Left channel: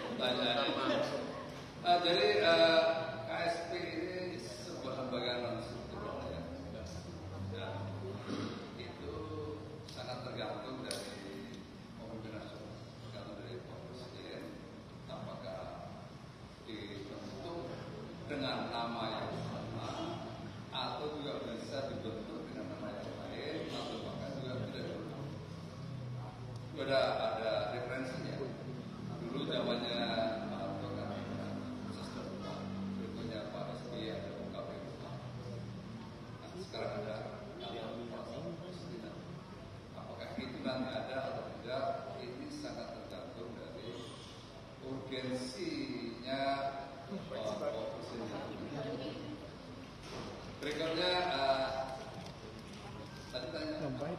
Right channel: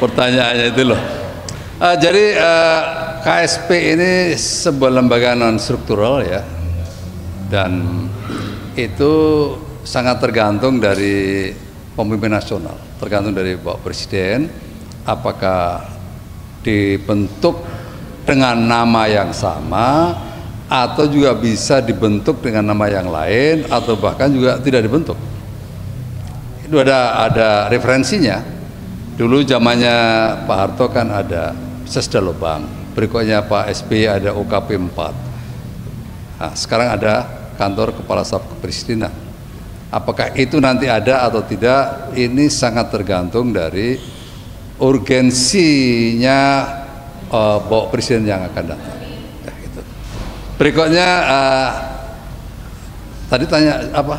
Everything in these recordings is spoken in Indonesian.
pertanyaannya itu loh. Jadi KSP ini sebuah lembaga non struktural ya, dan itu sangat tergantung dari pemimpin nasional, tergantung dari Bapak Presiden, apakah dibentuk dengan nama yang sama atau juga bisa dibentuk dengan nama yang lain atau bahkan juga tidak dibentuk. Itu ada referensinya. Dulu zamannya Pak Harto kan ada Sesda Lubang, berikutnya Pak SBY ada UKP 4. Nah, sekarang ada kantor kepala staf kepresidenan. Apakah itu nanti ada atau tidak, ini sangat tergantung dari urgensinya Bapak Presiden yang akan datang. Ya, gitu. Berikutnya tadi tanya apa?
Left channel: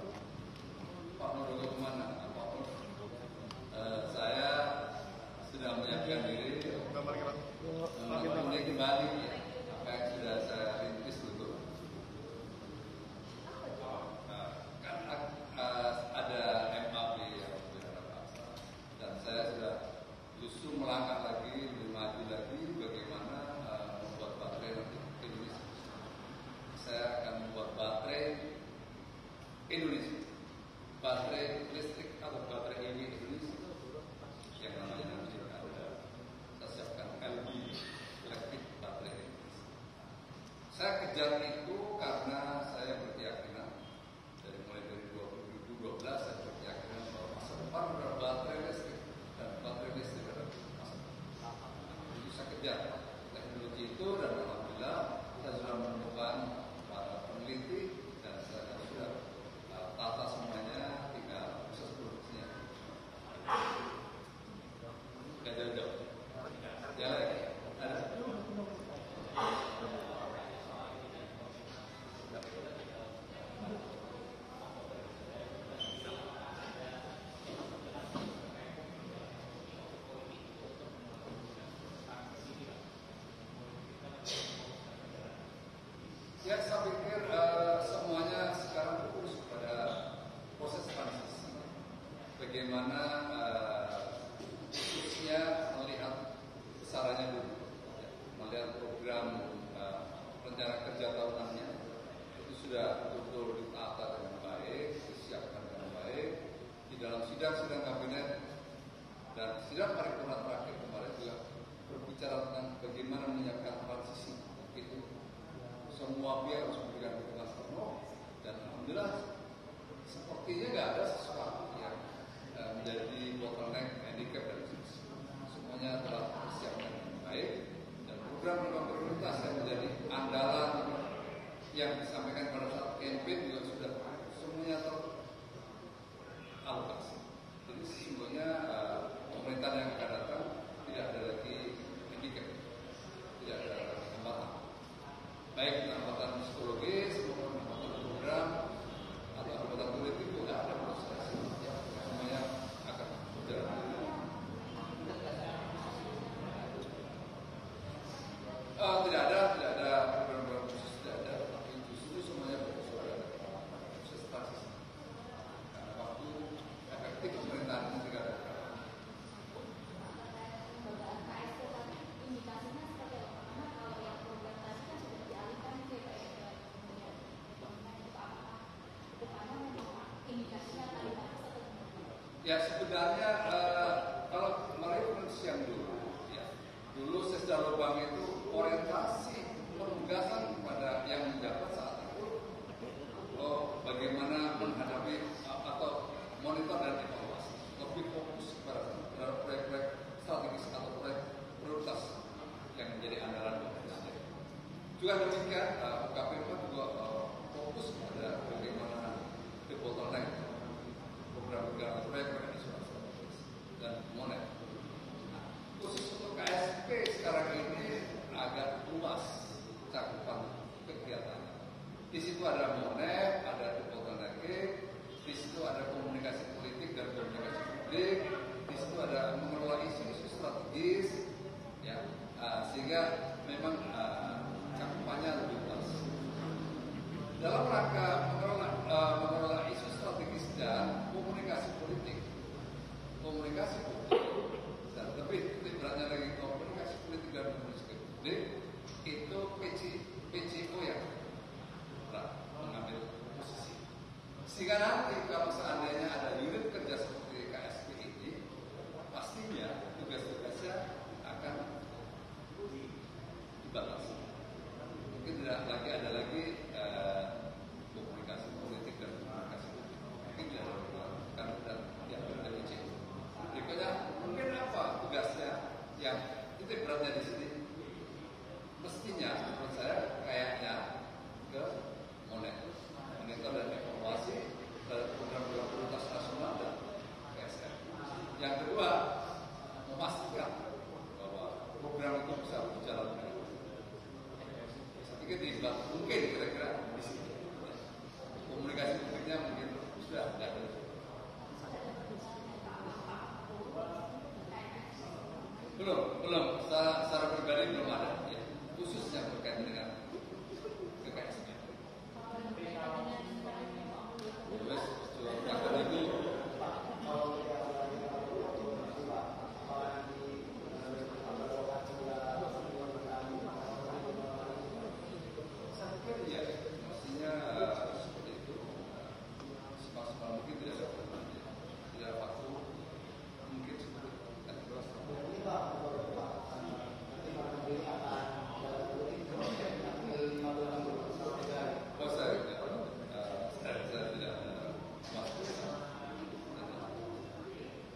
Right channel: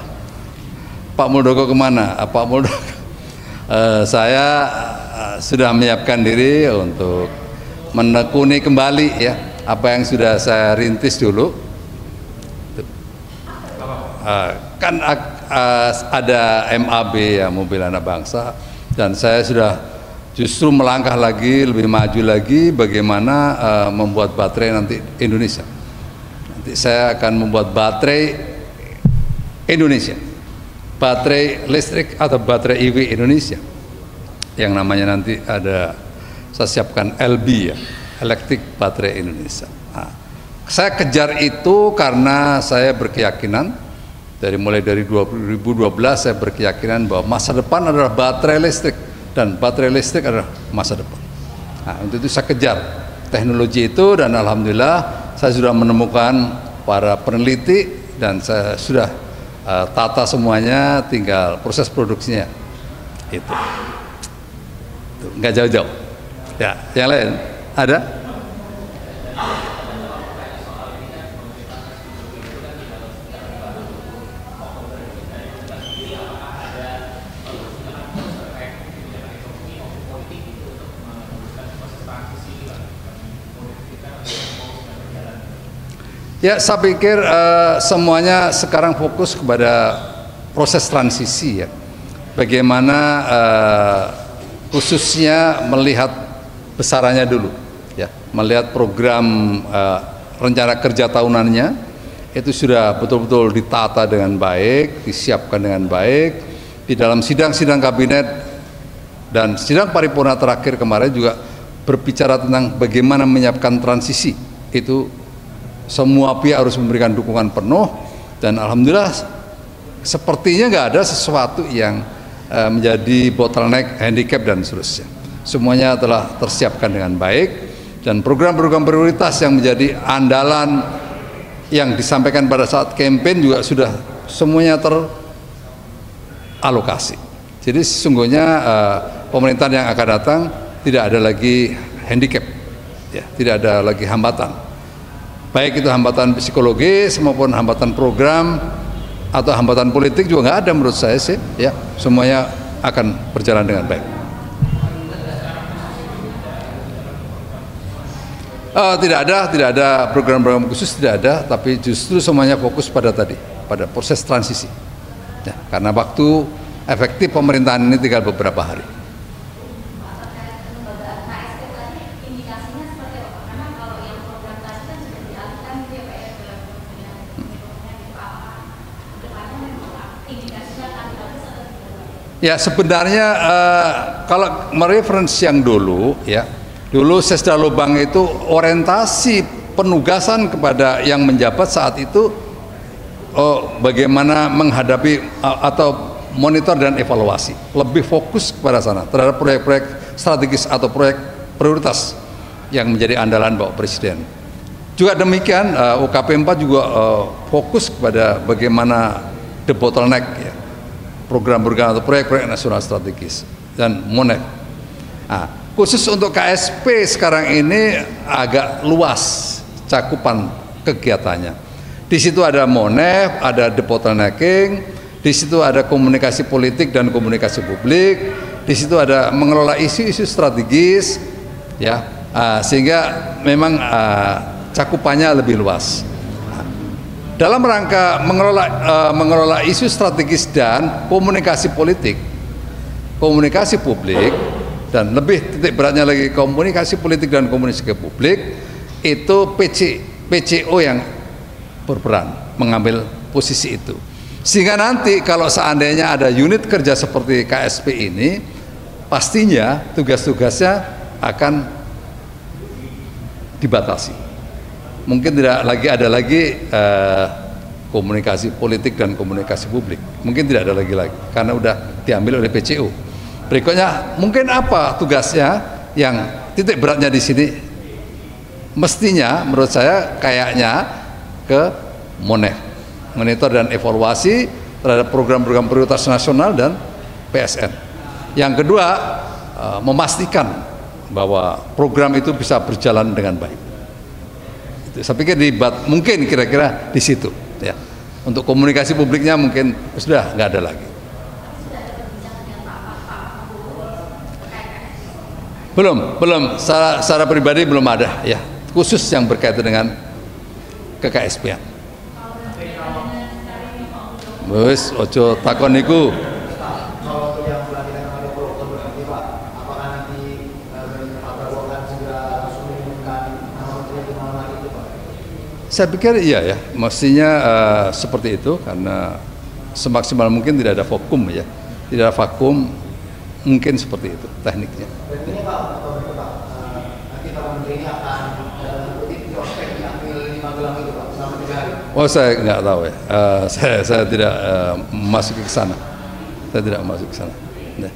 Pak Muldoko kemana? Pak Muldoko, saya sudah menyiapkan diri untuk menekuni kembali ya apa yang sudah saya rintis dulu. Kan ada MAB ya, Mobil Anak Bangsa, dan saya sudah justru melangkah lagi, lebih maju lagi bagaimana membuat baterai nanti Indonesia. Nanti saya akan membuat baterai Indonesia, baterai listrik atau baterai EV Indonesia, yang namanya nanti ada, saya siapkan LB ya, Electric Baterai Indonesia. Nah, saya kejar itu karena saya berkeyakinan mulai dari 2012 saya berkeyakinan bahwa masa depan adalah baterai listrik dan baterai listrik adalah masa depan. Nah, untuk itu saya kejar teknologi itu, dan alhamdulillah saya sudah menemukan para peneliti dan saya sudah tata semuanya, tinggal proses produksinya. Itu nggak jauh-jauh. Ya, yang lain ada? Ya, saya pikir semuanya sekarang fokus kepada proses transisi ya. Bagaimana khususnya melihat besarannya dulu ya, melihat program rencana kerja tahunannya itu sudah betul-betul ditata dengan baik, disiapkan dengan baik. Di dalam sidang-sidang kabinet dan sidang paripurna terakhir kemarin juga berbicara tentang bagaimana menyiapkan transisi. Itu semua pihak harus memberikan dukungan penuh, dan alhamdulillah sepertinya nggak ada sesuatu yang menjadi bottleneck, handicap dan seterusnya. Semuanya telah tersiapkan dengan baik, dan program-program prioritas yang menjadi andalan yang disampaikan pada saat kampanye juga sudah semuanya teralokasi. Jadi sesungguhnya pemerintahan yang akan datang tidak ada lagi handicap, ya, tidak ada lagi hambatan. Baik itu hambatan psikologis maupun hambatan program atau hambatan politik juga nggak ada menurut saya sih, ya, semuanya akan berjalan dengan baik. Tidak ada program-program khusus, tidak ada, tapi justru semuanya fokus pada pada proses transisi. Ya, karena waktu efektif pemerintahan ini tinggal beberapa hari. Ya, sebenarnya kalau mereferensi yang dulu ya, dulu Sesda Lubang itu orientasi penugasan kepada yang menjabat saat itu bagaimana menghadapi atau monitor dan evaluasi, lebih fokus kepada sana terhadap proyek-proyek strategis atau proyek prioritas yang menjadi andalan Bapak Presiden. Juga demikian UKP 4 juga fokus kepada bagaimana the bottleneck ya, program-program atau proyek-proyek nasional strategis dan MONEF. Nah, khusus untuk KSP sekarang ini agak luas cakupan kegiatannya. Di situ ada MONEF, ada debottlenecking, di situ ada komunikasi politik dan komunikasi publik, di situ ada mengelola isu-isu strategis, ya, sehingga memang cakupannya lebih luas. Dalam rangka mengelola isu strategis dan komunikasi politik, komunikasi publik, Dan lebih titik beratnya lagi komunikasi politik dan komunikasi ke publik, itu PCO yang berperan mengambil posisi itu. Sehingga nanti kalau seandainya ada unit kerja seperti KSP ini, pastinya tugas-tugasnya akan dibatasi. Mungkin tidak lagi ada komunikasi politik dan komunikasi publik. Mungkin tidak ada lagi karena udah diambil oleh PCO. Berikutnya, mungkin apa tugasnya yang titik beratnya di sini? Mestinya menurut saya kayaknya ke monitor dan evaluasi terhadap program-program prioritas nasional dan PSN. Yang kedua, memastikan bahwa program itu bisa berjalan dengan baik. Saya pikir mungkin kira-kira di situ. Ya. Untuk komunikasi publiknya mungkin sudah nggak ada lagi. Belum. Secara pribadi belum ada, ya. Khusus yang berkaitan dengan KKSP. Wes, ojo takon niku. Saya pikir iya ya, mestinya seperti itu karena semaksimal mungkin tidak ada vakum ya, tidak ada vakum, mungkin seperti itu tekniknya. Berarti Pak, nanti Pak Menteri ini akan prospek diambil di Magelang itu Pak selama 3 hari. Oh saya nggak tahu ya, saya tidak masuk ke sana, saya tidak masuk ke sana. Nah.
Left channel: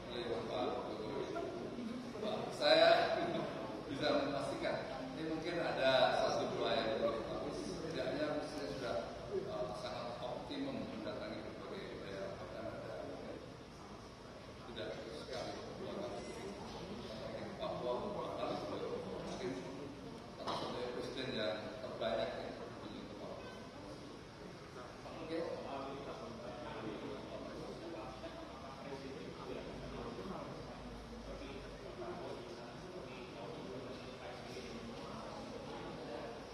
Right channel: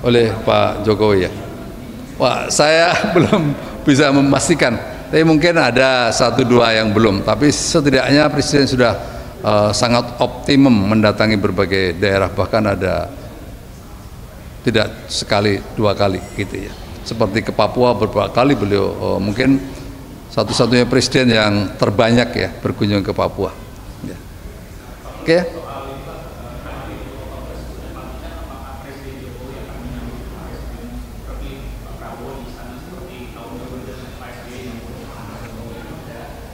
Oleh Pak Jokowi ya. Wah, saya belum bisa memastikan. Tapi mungkin ada 1-2 yang belum. Tapi setidaknya Presiden sudah sangat optimum mendatangi berbagai daerah. Bahkan ada tidak sekali 2 kali gitu ya. Seperti ke Papua beberapa kali beliau mungkin satu-satunya Presiden yang terbanyak ya berkunjung ke Papua. Ya. Oke.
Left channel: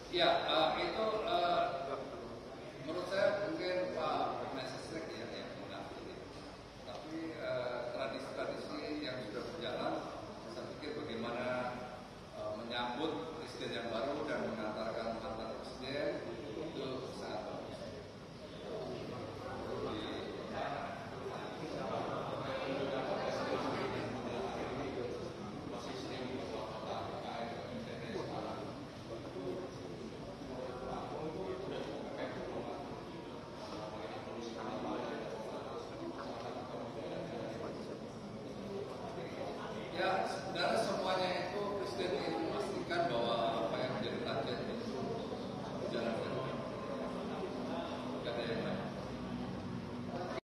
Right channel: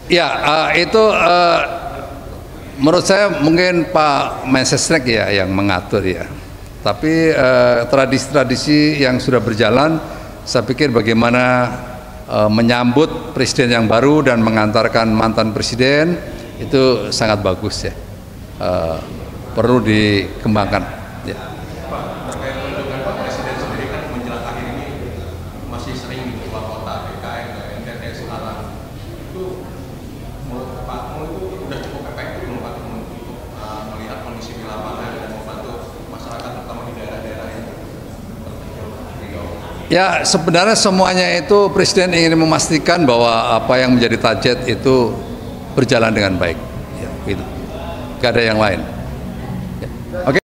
Ya, itu menurut saya mungkin Pak Mensesnek ya yang mengatur ya. Tapi tradisi-tradisi yang sudah berjalan, saya pikir bagaimana menyambut presiden yang baru dan mengantarkan mantan presiden itu sangat bagus ya. Perlu dikembangkan. Ya. Ya sebenarnya semuanya itu Presiden ingin memastikan bahwa apa yang menjadi target itu berjalan dengan baik. Ya, gitu. Gak ada yang lain. Ya. Oke.